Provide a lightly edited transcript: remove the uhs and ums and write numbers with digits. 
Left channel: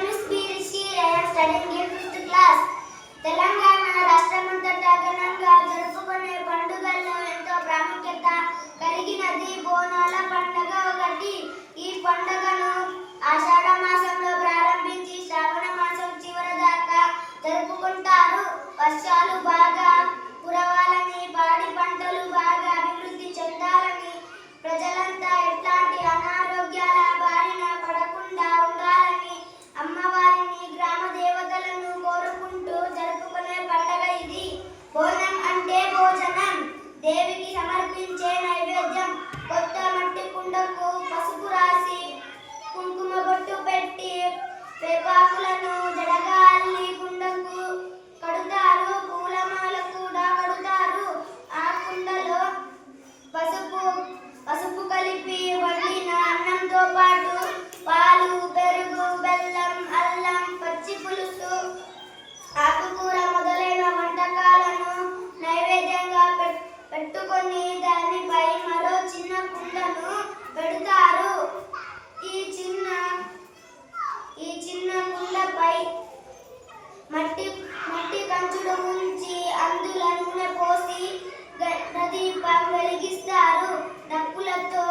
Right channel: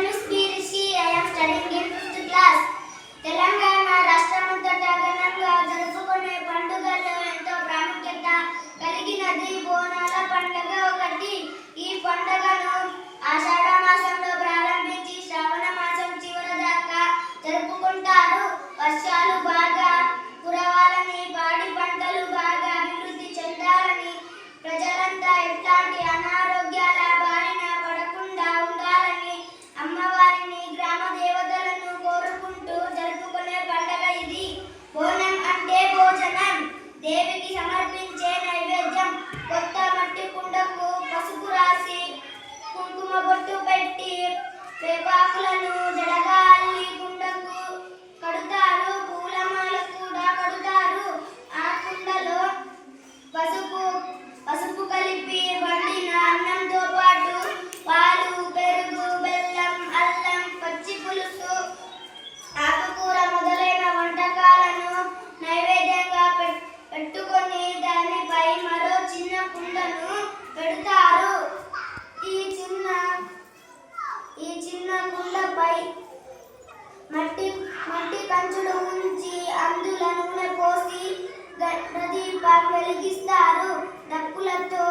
name is B. Rishi. I am studying in 5th class. Telangana రాష్ట్రమంతటా ఘనంగా జరుపుకునే పండుగల్లో ఎంతో ప్రాముఖ్యత కలిగినది బోనాల పండుగ ఒకటి. ఈ పండుగను ఆషాఢ మాసంలో ప్రారంభించి శ్రావణ మాసం చివరి దాకా జరుపుకుంటారు. వర్షాలు బాగా కురవాలని, పాడి పంటలు బాగా అభివృద్ధి చెందాలని, ప్రజలంతా ఎట్లాంటి అనారోగ్యాల బారిన పడకుండా ఉండాలని అమ్మవారిని, గ్రామ దేవతలను కోరుకుంటూ జరుపుకునే పండుగ ఇది. బోనం అంటే భోజనం, దేవికి సమర్పించే నైవేద్యం. కొత్త మట్టి కుండకు పసుపు రాసి కుంకుమ బొట్టు పెట్టి వేపాకులను జడగా అల్లి కుండకు కడుతారు. పూలమాల కూడా కడుతారు. ఆ కుండలో పసుపు కలిపి వండిన అన్నంతో పాటు పాలు, పెరుగు, బెల్లం, అల్లం, పచ్చి పులుసు, ఆకుకూర మొదలైన వంటకాలను నైవేద్యంగా పెట్టుకొని దానిపై మరో చిన్న కుండను పెడతారు. ఈ చిన్న కుండపై మట్టి కంచుడు ఉంచి అందులో నూనె పోసి దీపం వెలిగిస్తారు. డప్పులతో